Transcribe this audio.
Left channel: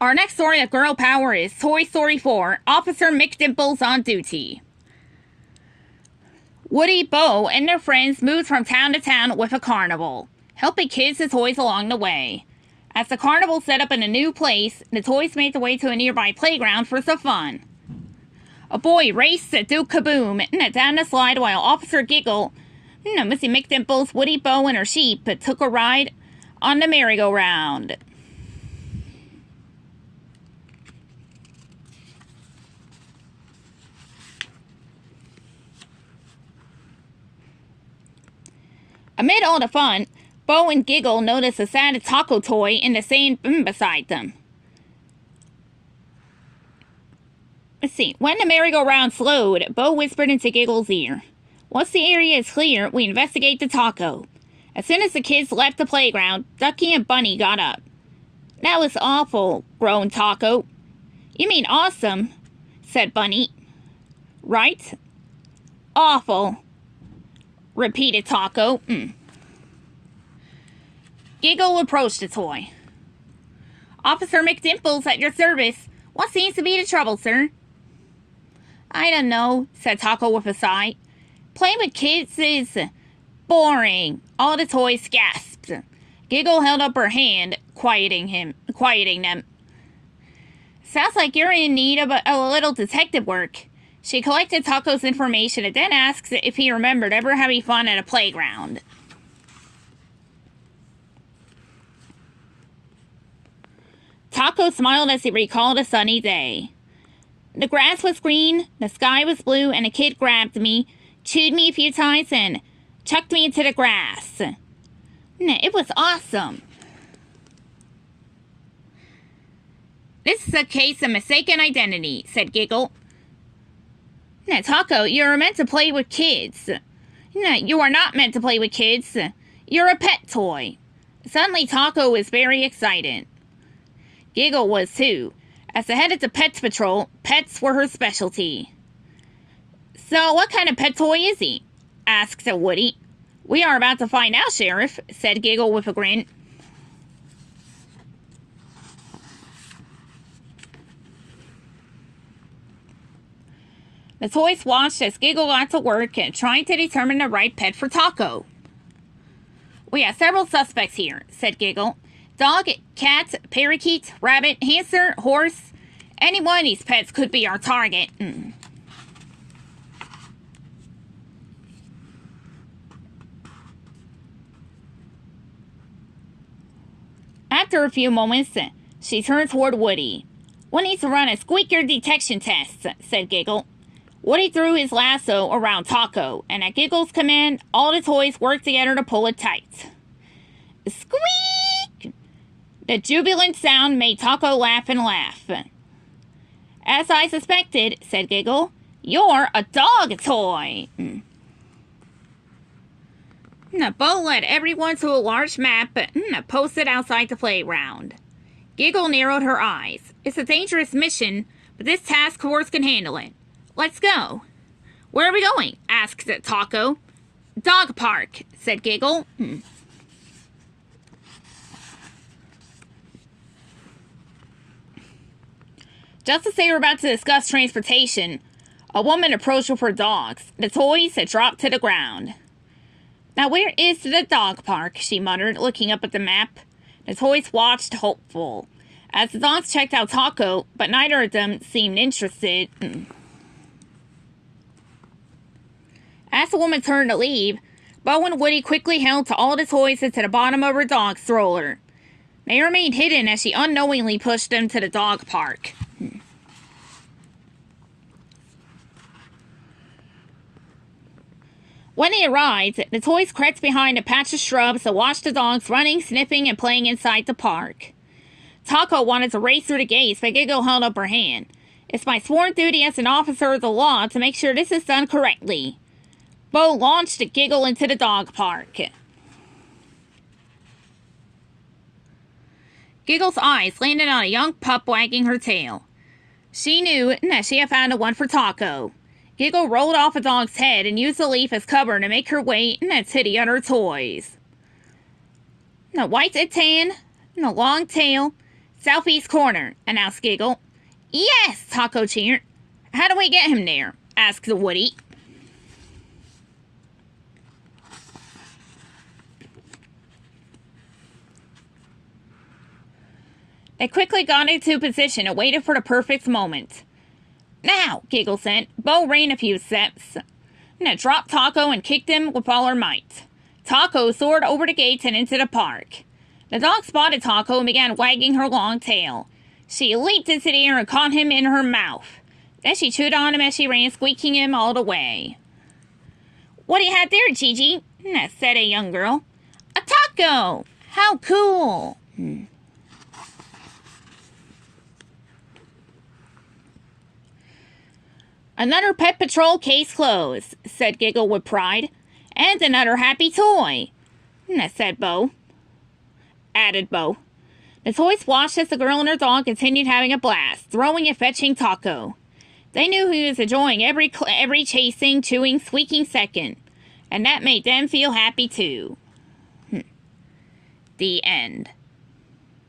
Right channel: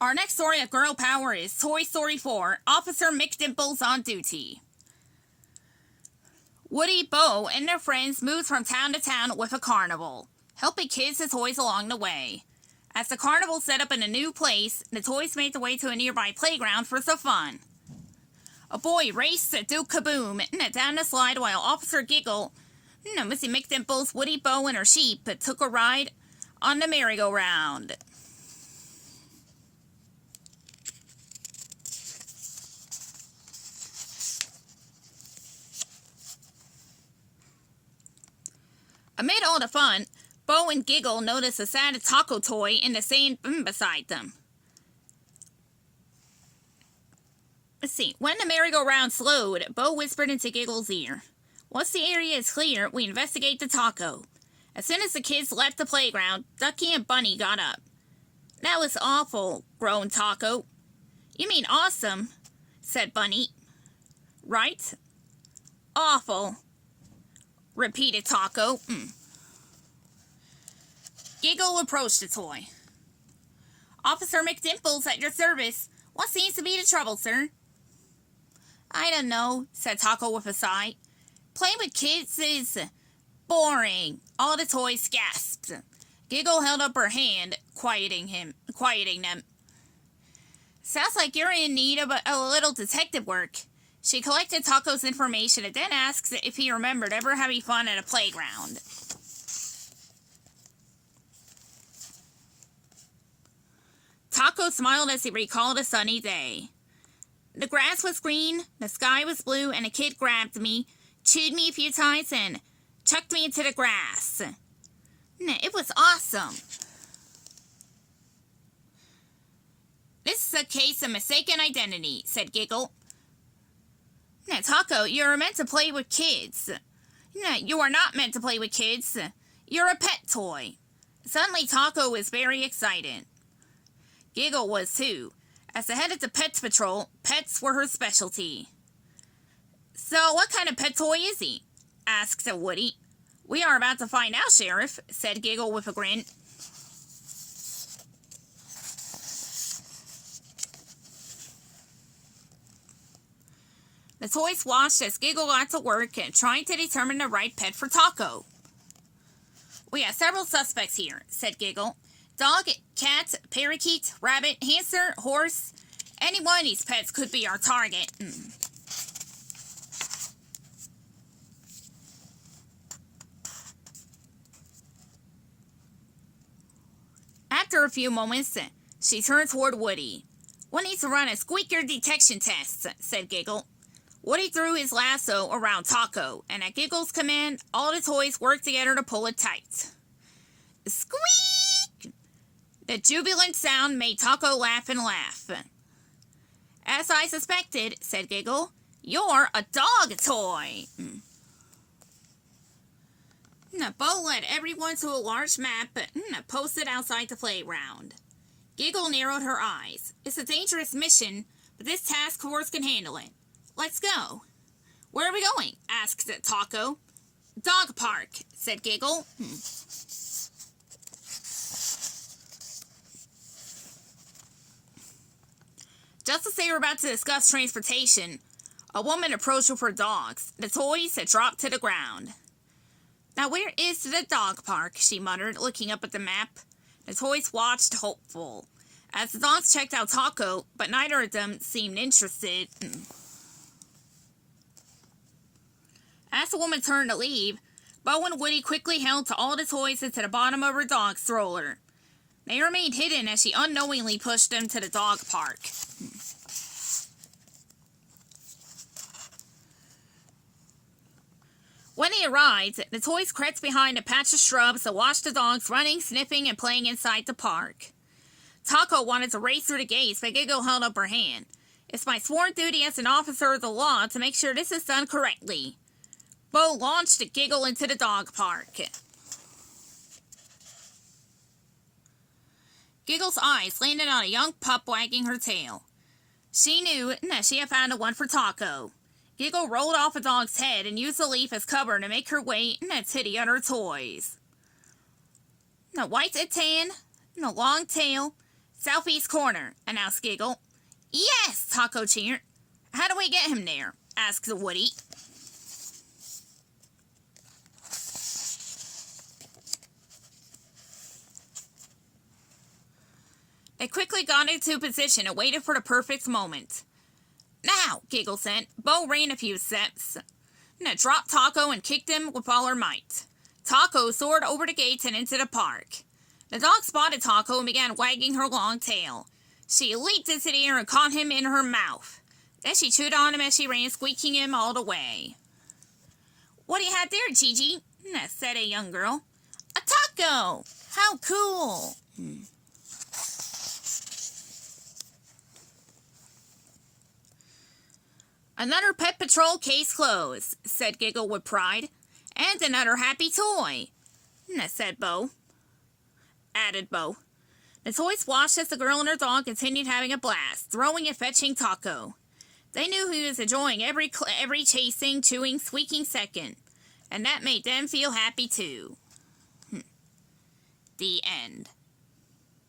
Our next story of girl power is Toy Story 4, Officer McDimples on duty. Woody, Bo, and their friends moved from town to town with a carnival, helping kids and toys along the way. As the carnival set up in a new place, the toys made their way to a nearby playground for some fun. A boy raced to do kaboom down the slide while Officer Giggle, Missy McDimples, Woody, Bo, and her sheep took a ride on the merry-go-round. Amid all the fun, Bo and Giggle noticed a sad taco toy in the sand beside them. Let's see. When the merry-go-round slowed, Bo whispered into Giggle's ear, "Once the area is clear, we investigate the taco." As soon as the kids left the playground, Ducky and Bunny got up. "That was awful," groaned Taco. "You mean awesome," said Bunny. "Right? Awful," repeated Taco. Giggle approached the toy. "Officer McDimples at your service. What seems to be the trouble, sir?" "I don't know," said Taco with a sigh. "Playing with kids is boring." All the toys gasped. Giggle held up her hand, quieting them. "Sounds like you're in need of a little detective work." She collected Taco's information and then asked if he remembered ever having fun at a playground. Taco smiled as he recalled a sunny day. "The grass was green, the sky was blue, and a kid grabbed me, chewed me a few times, and chucked me into the grass. It was awesome." "This is a case of mistaken identity," said Giggle. "Taco, you're meant to play with kids." "You are not meant to play with kids. You're a pet toy." Suddenly Taco was very excited. Giggle was too. As the head of the Pets Patrol, pets were her specialty. "So what kind of pet toy is he?" asked Woody. "We are about to find out, Sheriff," said Giggle with a grin. The toys watched as Giggle got to work trying to determine the right pet for Taco. "We have several suspects here," said Giggle. "Dog, cat, parakeet, rabbit, hamster, horse. Any one of these pets could be our target." After a few moments, she turned toward Woody. "We need to run a squeaker detection test," said Giggle. Woody threw his lasso around Taco, and at Giggle's command, all the toys worked together to pull it tight. Squeak! The jubilant sound made Taco laugh and laugh. "As I suspected," said Giggle, "you're a dog toy." Bo led everyone to a large map posted outside the playground. Giggle narrowed her eyes. "It's a dangerous mission, but this task force can handle it. Let's go." "Where are we going?" asked Taco. "Dog park," said Giggle. Just as they were about to discuss transportation, a woman approached with her dogs. The toys had dropped to the ground. "Now where is the dog park?" she muttered, looking up at the map. The toys watched, hopeful, as the dogs checked out Taco, but neither of them seemed interested. As the woman turned to leave, Bo and Woody quickly held to all the toys into the bottom of her dog stroller. They remained hidden as she unknowingly pushed them to the dog park. When they arrived, the toys crept behind a patch of shrubs to watch the dogs running, sniffing, and playing inside the park. Taco wanted to race through the gates, but Giggle held up her hand. "It's my sworn duty as an officer of the law to make sure this is done correctly." Bo launched the Giggle into the dog park. Giggle's eyes landed on a young pup wagging her tail. She knew that she had found the one for Taco. Giggle rolled off a dog's head and used the leaf as cover to make her way to the other toys. White and tan, long tail, Southeast corner, announced Giggle. Yes, Taco cheered. How do we get him there? Asked Woody. They quickly got into position and waited for the perfect moment. Now, Giggle said. Bo ran a few steps, and then dropped Taco and kicked him with all her might. Taco soared over the gates and into the park. The dog spotted Taco and began wagging her long tail. She leaped into the air and caught him in her mouth. Then she chewed on him as she ran, squeaking him all the way. What do you have there, Gigi? Said a young girl. A taco! How cool! Another Pet Patrol case closed, said Giggle with pride. And another happy toy, said Bo. Added Bo. The toy splashed as the girl and her dog continued having a blast, throwing and fetching Taco. They knew he was enjoying every chasing, chewing, squeaking second, and that made them feel happy too. The end.